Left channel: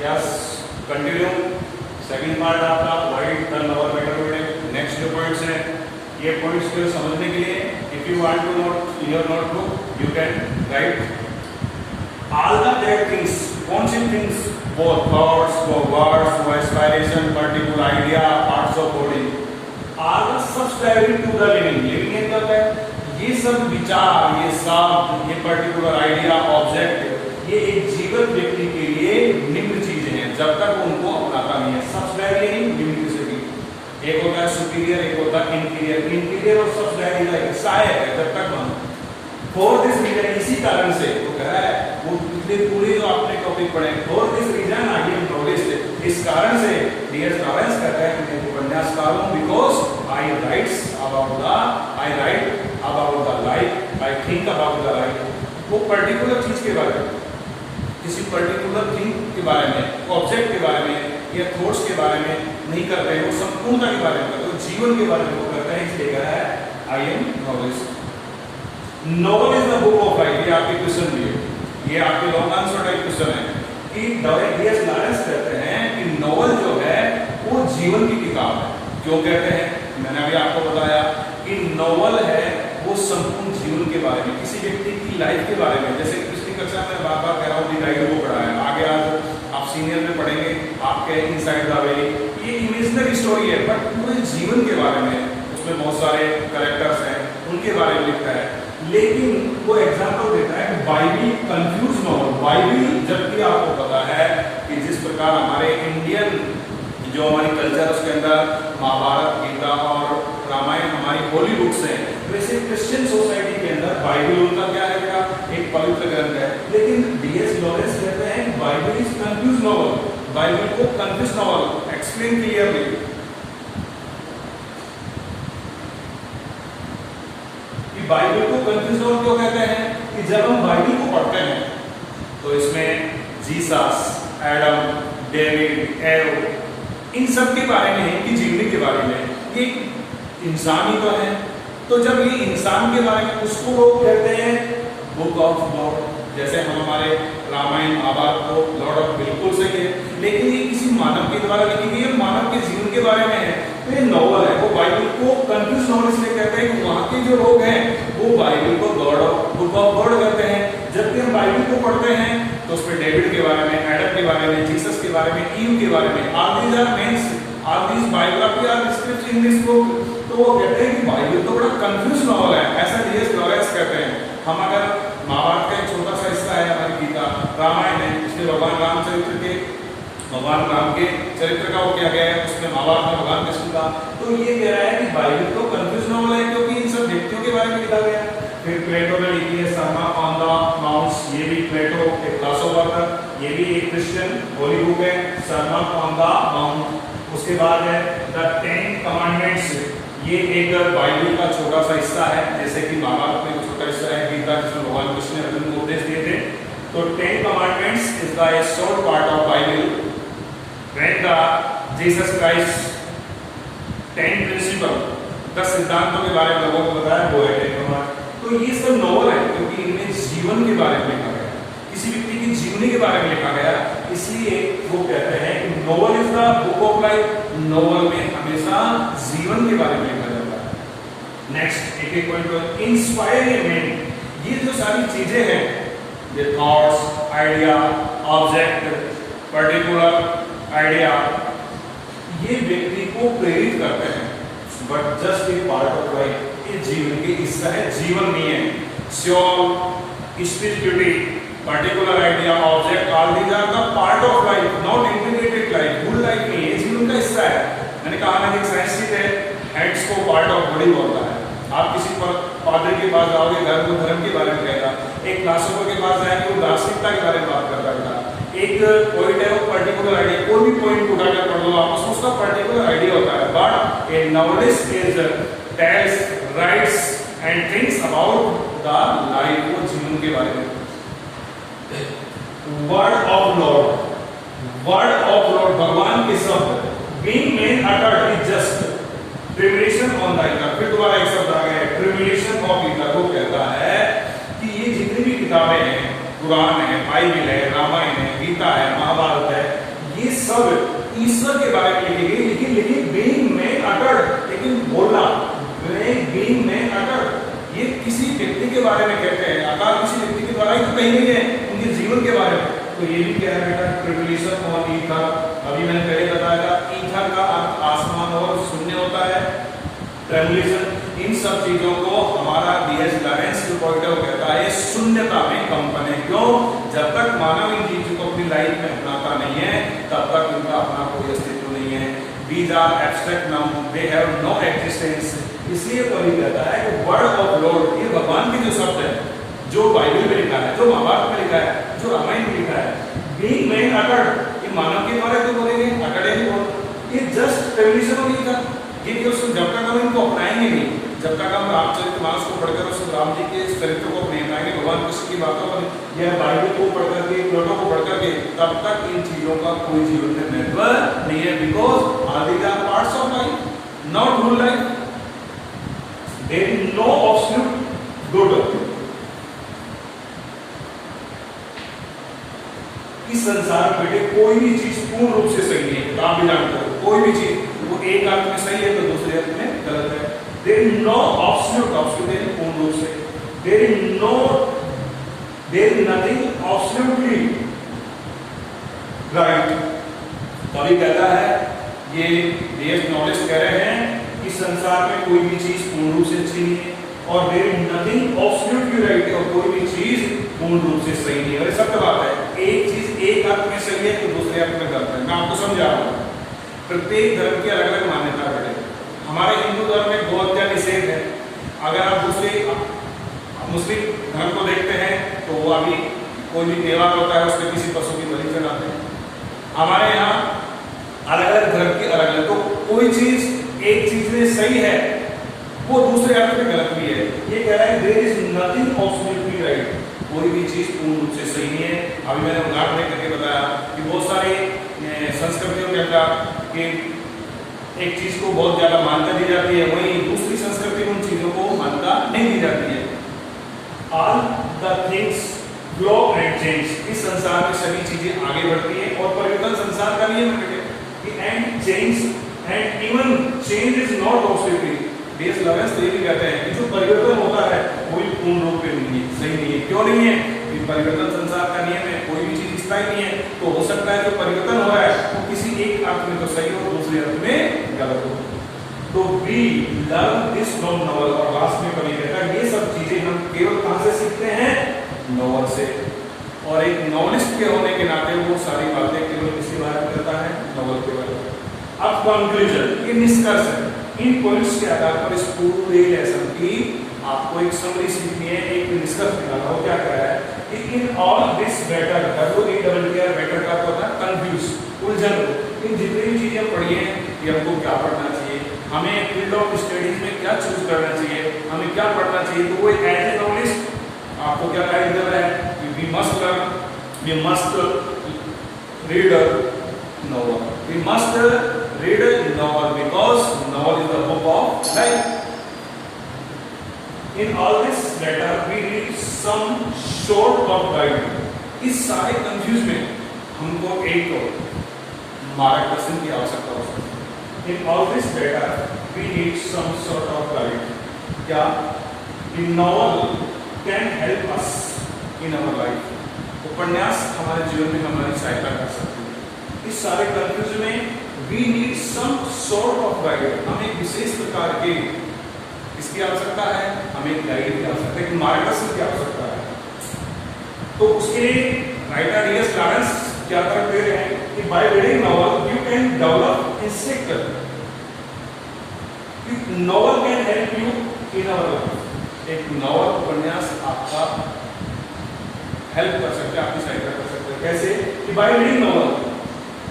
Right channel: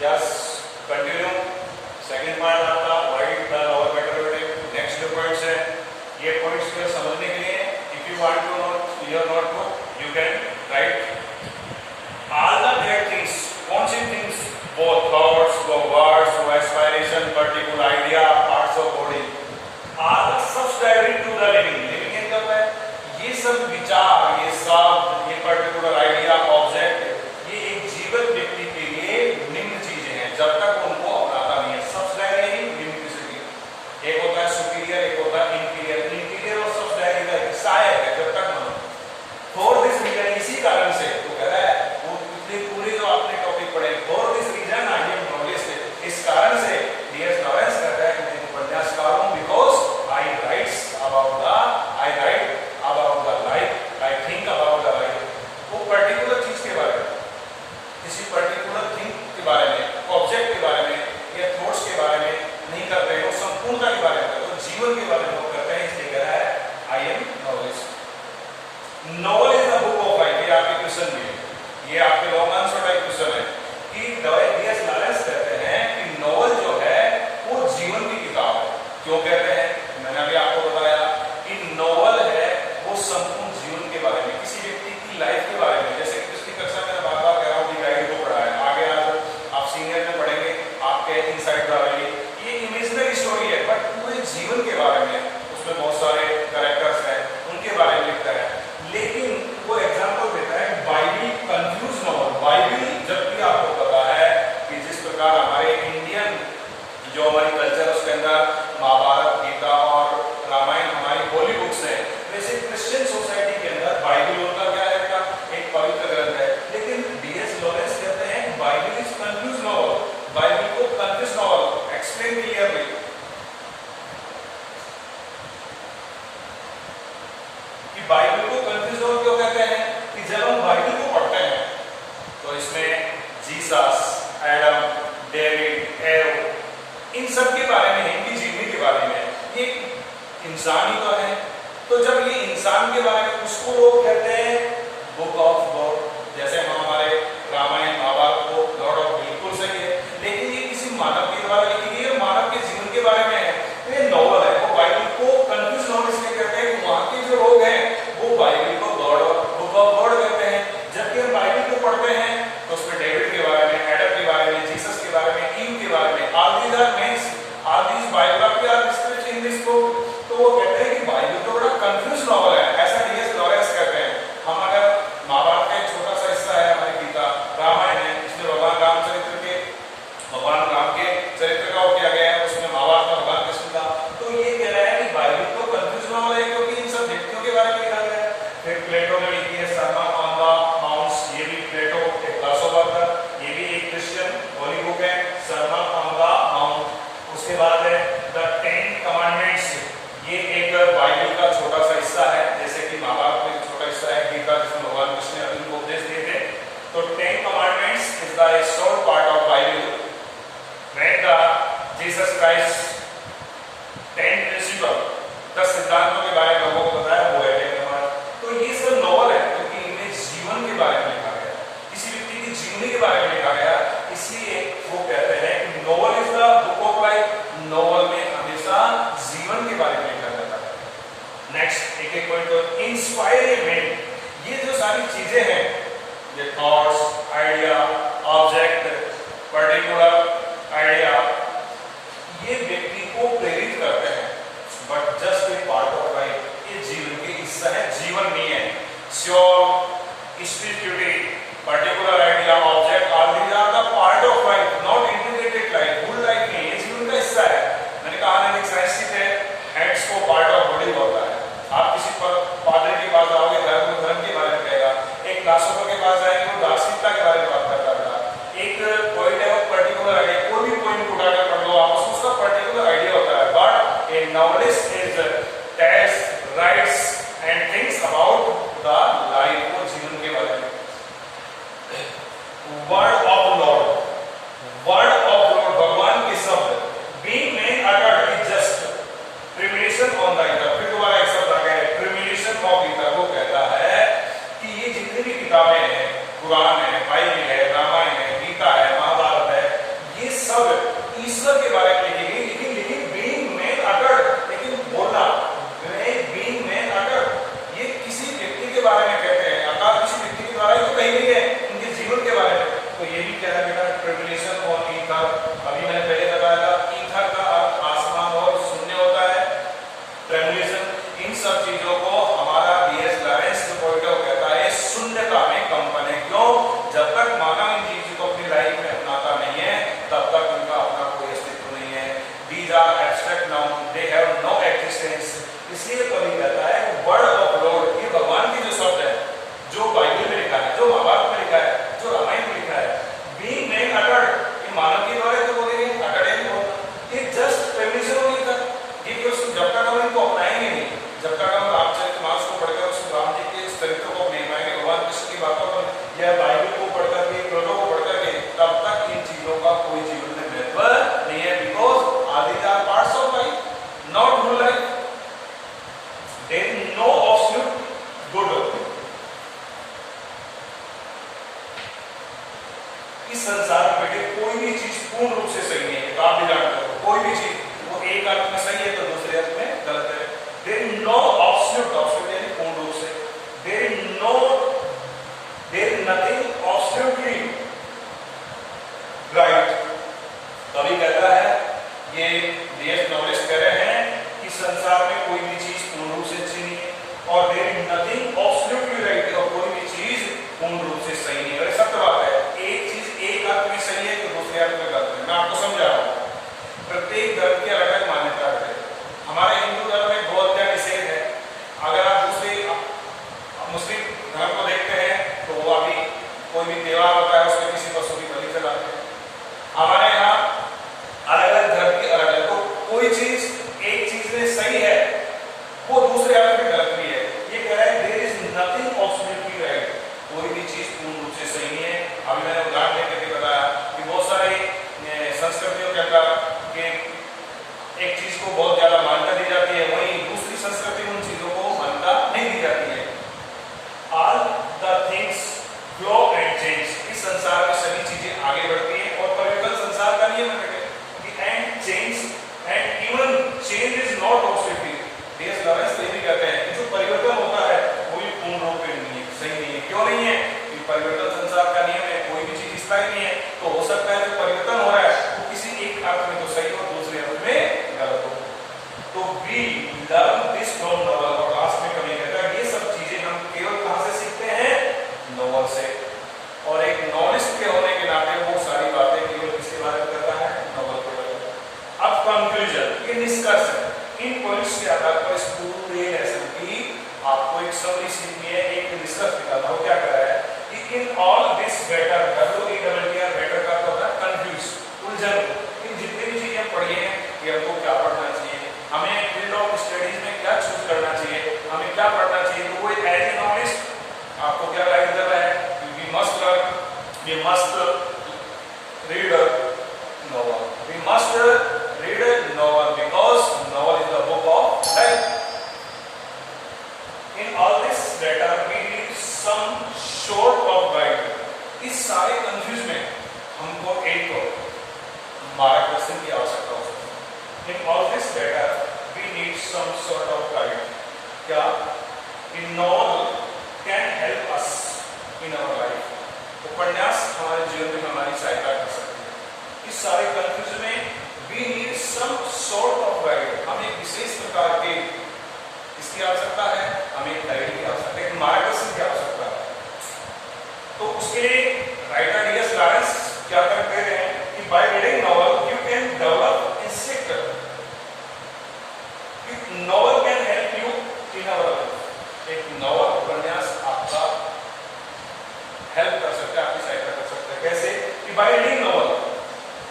Yes, continue. Second part आपका wide the novel better. Next जो points है, ये पॉइंट्स को समझने के लिए if you want to note your notebook you can write all the great things. कौन सी थिंग्स? वो थॉट्स, वो वर्ड्स, वो aspiration, particular idea, parts of body are the subscribing to the living. Living क्या होता है? ये सब विचार, ये शब्द, ये पर्टिकुलर आइडिया, ऑब्जेक्ट, ये एक जीवित व्यक्ति के लिए निम्न चीजें हैं जब तक उनको अपनाता नहीं है। सब्सक्राइबिंग निम्न किसी की, एक होता है सुपीरियर, एक होता है इंफीरियर। इंफीरियर और सब्सक्राइबिंग एक सहायक है जब तक मानो। फॉर दिस रीजन, इसी कारण से तो कह रहा है वो पूरे जो आपने टॉपिक पढ़े, for this reason I am knowledge, इस कारण से डियर लॉरेंस कहता है कि मैं उपन्यासकार हूं because I writes about the, I right about the life, I think about the life. वो पर्टिकुलर चीज के बारे में, किसी पर्टिकुलर थिंग के बारे में, ऑब्जेक्ट के बारे में या थॉट्स के बारे में नहीं करते हैं, वो संपूर्णता के बारे में करते हैं, जीवन के बारे में वो करते हैं। इसलिए कह रहा है आई am knowledge. Novel is the book of life. ये आपके क्वेश्चन भी है, ये आपके लॉन्ग आंसर टाइप क्वेश्चन है कि डीएस लॉरेंस कहते हैं कि नॉवल जो है वो जीवन की किताब है। क्यों कहते हैं? मैंने अभी आपको बताया कि नॉवल है वो संपूर्ण जीवन के बारे में, किसी व्यक्ति की लाइफ के बारे में। जैसे पिछली कक्षा में बार बार कह रहा हूँ डायरी को पढ़ा है, आगे आज आप सीनियर में पढ़ेंगे आपके इनसाइड द वैली। ये इमेजिनरी स्टोरी है बट पूरे जीवन के बारे में, उसमें बहुत सारे कैरेक्टर्स हैं, उनके बारे में लिखता है। लेकिन वो एग्जांपल देता है बाइबिल कंफ्यूज न हो। बाइबिल जबकि आपको पता है कि जिस प्रकार हमारे इंडियन जो हमारी कल्चर उसके अंदर महाभारत, गीता और रामायण हमारी होली बुक्स हैं, वैसे क्रिश्चियन सोसाइटी के अंदर बाइबिल उनका क्या है का एक पवित्र ग्रंथ है। लेकिन डीएस लॉरेंस कहते हैं Bible is confuse novel. Bible को confuse novel explain clearly. Bible को कंफ्यूज नॉवल क्यों कहते हैं? कि जब हम बाइबल को पढ़ते हैं तो इसमें जीसस, एडम, डेविड, एव, इन सब के बारे में, इनकी जीवनी के बारे में, ये इंसान ही तो है। तो जब ये इंसान के बारे में, उसको लोग कहते हैं बुक ऑफ गॉड। जैसे हम हमारे रामायण महाभारत को लॉर्ड ऑफ, बिल्कुल सही है, लेकिन ये किसी मानव के द्वारा लिखी गई है, मानव के जीवन के बारे में है, तो ये नॉवल है। वो बाइबल को कंफ्यूज नॉवल इसलिए कहते हैं कि वहां के जो लोग हैं वो बाइबल को God of, book of God कहते हैं। जबकि हम बाइबल को पढ़ते हैं तो उसमें डेविड के बारे में, एडम के बारे में, जीसस के बारे में, ईव के बारे में, all these are men's, all these biography are descript in this book. तो वो कहते हैं कि बाइबल तो बड़ा कंफ्यूज नॉवल है, ऐसा डीएस लॉरेंस कहते हैं। हम अगर महाभारत का एक छोटा सा हिस्सा है हमारी गीता, रामायण है, इसमें भगवान रामचरित्र के, भगवान राम के चरित्र का वो किया गया है, उसमें महाभारत में भगवान कृष्ण का। तो ये कह रहा है कि बाइबल तो कंफ्यूज नॉवल है क्योंकि इन सब व्यक्तियों के बारे में लिखा गया है। फिर प्लेटो ने लिखी है सरमन ऑन द माउंट्स। ये भी प्लेटो एक फिलोसोफर था, ये भी एक क्रिश्चियन होली बुक है, सरमन ऑन द माउंट। उसके बाद है द 10 कमांडमेंट्स। ये एक बाइबल का छोटा सा हिस्सा है, जैसे कि महाभारत में छोटा हिस्सा है गीता, जिसमें भगवान कृष्ण ने अर्जुन को उपदेश दिए थे। तो 10 commandments is the short part of Bible. When the Jesus Christ 10 principle, 10 सिद्धांतों के बारे में लोगों को बताया, वो है 10 कमांड। तो ये सब नॉवल है क्योंकि इनमें जीवन के बारे में लिखा गया, किसी व्यक्ति की जीवनी के बारे में लिखा गया, इसलिए वो कहते हैं कि novel is the book of life. Novel में हमेशा जीवन के बारे में लिखा जाता है। नेक्स्ट एक एक पॉइंट, इंस्पायरमेंट। ये जो सारी चीजें हैं, ये thoughts, idea, object, particular idea, ये व्यक्ति को प्रेरित करते हैं but just a part of life. ये जीवन के हिस्सा है, जीवन नहीं है। Soul, spirituality, particular idea, object, all these are the part of life, not integrated life. Full life नहीं, ये जीवन का हिस्सा है। मैंने कहा ना कि साइंटिस्ट है, हेड्स को पार्ट ऑफ बॉडी बोलता है। आप किसी पर पादरी के पास जाओगे, धर्म के बारे में कहेगा। एक फिलोसोफर के पास जाएंगे, वो दार्शनिकता के बारे में बात करता है। एक पॉइंट है, वो पर्टिकुलर आइडिया, कोई भी पॉइंट उठाकर पढ़ लो आप, उसका पर्टिकुलर आइडिया होता है। But a novelist is tells, writes and thinks about the life, वो जीवन के बारे में। Word of lord, word of lord, भगवान के शब्द, being made uttered is just premonition on the ether. फिर दोबारा एक शब्द आ गया है, प्रिमोनिशन ऑफ ईथर। वो कहता है कि ये जितनी भी किताबें हैं, कुरान है, बाइबल है, रामायण है, गीता है, महाभारत है, सब ईश्वर के बारे में लिखी गई, लेकिन लेकिन बीइंग मैन अटर्ड, लेकिन बोलना बीइंग मैन अटर्ड ये किसी व्यक्ति के बारे में कहते हैं, अकाल किसी व्यक्ति के द्वारा ही तो कही गई है, उनके जीवन के बारे में। तो ये भी क्या है बेटा, ट्रिब्यूलेशन ऑन ईथर। अभी मैंने पहले बताया था ईथर का अर्थ आसमान और शून्य होता है, ट्रिब्यूलेशन इन सब चीजों को हमारा D.S. लॉरेंस जो पॉइंट कहता है शून्यता में कंपन है। क्यों? जब तक मानव इन चीजों को अपनी लाइफ में अपनाता नहीं है तब तक उनका अपना कोई अस्तित्व नहीं है। These are abstract nouns, they have no existence। इसलिए कभी कहता है कि वर्ड ऑफ लॉर्ड, ये भगवान के जो शब्द है, जो बाइबल में लिखा है, जो महाभारत में लिखा है, जो रामायण में लिखा है, बीइंग मैन अटर्ड, ये मानव के द्वारा तो बोलेंगे अटर्ड, ये जस्ट ट्रिब्यूलेशन हो गई था। ये कि उसको जब तक हम इनको अपनाएंगे नहीं, जब तक हम रामचरितमानस को पढ़कर उस राम जी के चरित्रों को अपनाएंगे, भगवान कृष्ण की बातों को या बाइबल को पढ़कर के, पुराणों को पढ़कर के, तब तक इन चीजों का कोई जीवन में महत्व नहीं है। Because are these are parts of life, not whole life. There is no absolute good. इस संसार में बेटे कोई भी चीज पूर्ण रूप से सही नहीं है, आप भी जानते हो। कोई भी चीज वो एक अर्थ में सही है तो दूसरे अर्थ में गलत है। There is no absolute पूर्ण रूप से, there is nothing absolutely right। कभी कहता है ये D.S. नॉलेज कह रहे हैं कि संसार में कोई भी चीज पूर्ण रूप से अच्छी नहीं है, और there is nothing absolutely right, और कोई भी चीज पूर्ण रूप से सही नहीं है। और सत्य बात है, एक चीज एक अर्थ में सही है तो दूसरे अर्थ में गलत है। मैं आपको समझा रहा हूं, प्रत्येक धर्म की अलग अलग मान्यता है। हमारे हिंदू धर्म में गौ हत्या निषेध है। अगर आप दूसरे मुस्लिम धर्म को देखते हैं तो वो अभी कोई भी त्योहार होता है उसमें किसी पशु की बलि चढ़ाते हैं। हमारे यहाँ अलग अलग धर्म की अलग अलग, तो कोई चीज एक चीज में सही है वो दूसरे अर्थ में गलत भी है। ये कह रहा है there is nothing absolutely right, कोई भी चीज पूर्ण रूप से सही है। अभी मैंने उदाहरण देकर बताया कि बहुत सारी संस्कृतियों के अंदर के एक चीज को बहुत ज्यादा मान्यता दी जाती है, वहीं दूसरी संस्कृति में उन चीजों को मान्यता नहीं दी जाती है। All the things flow and change. इस संसार में सभी चीजें आगे बढ़ती है और परिवर्तन संसार का नियम है कि and change and even change is not absolutely. D.S. Lawrence ये भी कहते हैं कि जो परिवर्तन होता है वो भी पूर्ण रूप में नहीं है, सही नहीं है। क्यों नहीं है? कि परिवर्तन संसार का नियम है, कोई भी चीज स्थायी नहीं है। तो हो सकता है जो परिवर्तन हो रहा है वो किसी एक अर्थ में तो सही हो, दूसरे अर्थ में गलत हो। तो we learn this from novel. और लास्ट में कभी कहता है ये सब चीजें हम केवल कहां से सीखते हैं? नॉवल से। और एक नॉवेलिस्ट के होने के नाते वो सारी बातें केवल किसके बारे में करता है? नॉवल के बारे में। अब कंक्लूजन, ये निष्कर्ष है। इन पॉइंट्स के आधार पर इस पूरे लेसन की आपको एक समरी सीखनी है, एक निष्कर्ष निकालना हो। क्या कह रहा है कि in all this better, WETR better का तो होता है कंफ्यूज, उलझन। इन जितनी भी चीजें पढ़ी हैं कि हमको क्या पढ़ना चाहिए, हमें फील्ड ऑफ स्टडीज में क्या चूज करना चाहिए, हमें क्या पढ़ना चाहिए, तो वो एज ए नॉलेज आपको क्या गाइड कर रहा है कि we must learn, we must read novel, we must read a novel because novel is the book of life। in all this letter we need some sort of guide। इस सारे confuse में हमको एक मार्गदर्शन की आवश्यकता हो सकती है। in all this letter we need some sort of guide। क्या? the novel can help us in our life। उपन्यास हमारे जीवन में हमारी सहायता कर सकती है। इस सारे कंफ्यूजन में we need some sort of guide, हमें विशेष प्रकार के इसकी आवश्यकता है, हमें गाइड की आवश्यकता है, मार्गदर्शन की आवश्यकता है। तो उसके लिए राइटर D.S. लॉरेंस क्या करते हैं कि by reading novel you can develop instinct. Novel can help you in our life. एक नॉवल उपन्यास आपका हेल्प कर सकता है, आपकी सहायता कर सकता है। कैसे? कि बाय रीडिंग नॉवल,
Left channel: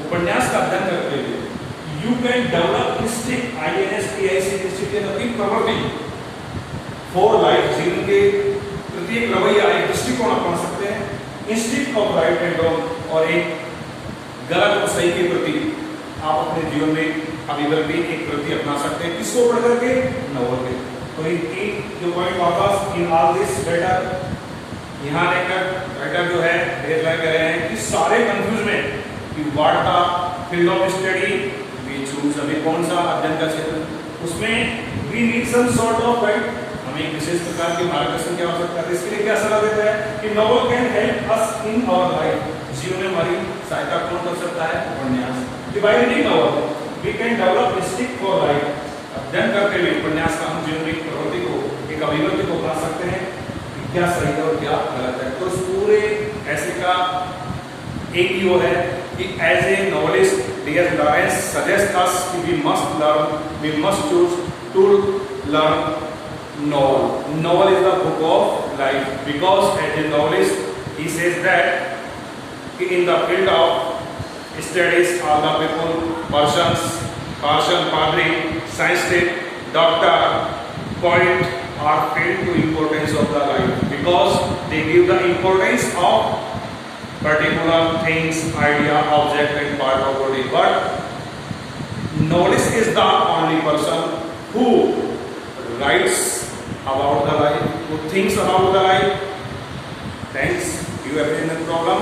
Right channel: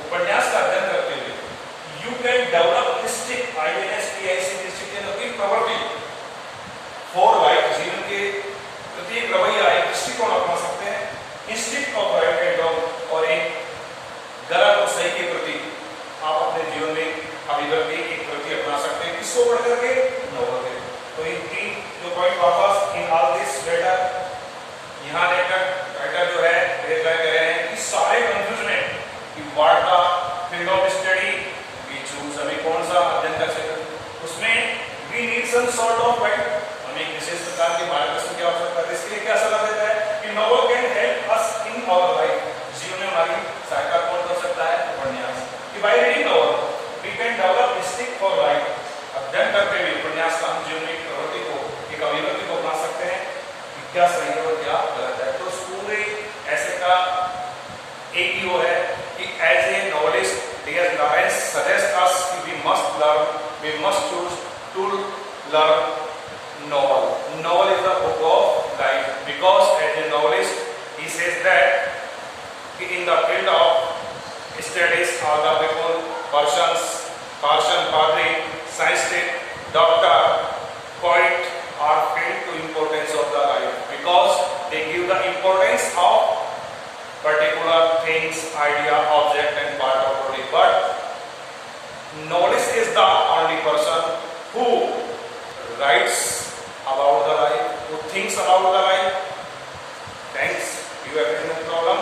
उपन्यास का अध्ययन करते हुए you can develop instinct, INSTINC प्रवृत्ति फॉर लाइफ। जीवन के प्रति एक रवैया, एक दृष्टिकोण अपना सकते हैं। Instinct of right and wrong, और एक गलत और सही के प्रति आप अपने जीवन में अभिव्यक्ति, एक प्रति अपना सकते हैं। किसको पढ़ करके? नॉवल के। तो इन तीन जो पॉइंट वापस इन ऑल दिस लेटर, यहाँ लेकर राइटर जो है कह रहे हैं कि सारे कंफ्यूज में कि वार्ता field of study we choose, हमें कौन सा अध्ययन का क्षेत्र, उसमें we need some sort of guide, हमें एक विशेष प्रकार के मार्गदर्शन की आवश्यकता है। इसके लिए क्या सलाह देता है कि novel can help us in our life, जीवन में हमारी सहायता कौन कर सकता है, उपन्यास। कि by reading novel we can develop instinct for life, अध्ययन करते हुए उपन्यास का हम जीवन की प्रवृत्ति को, एक अभिव्यक्ति को अपना सकते हैं कि क्या सही है और क्या गलत है। तो इस पूरे ऐसे का एक ही वो है कि as a novelist D.S. Lawrence suggests us कि we must learn, we must choose to learn novel. Novel is the book of life, because as a novelist he says that कि in the field of studies all the people, persons, person, padri, scientist, doctor, poet are filled to importance of the life, because they give the importance of particular things, idea, object and part of body. But novelist is the only person who writes about the life, who thinks about the life. Thanks. Do you have any problem?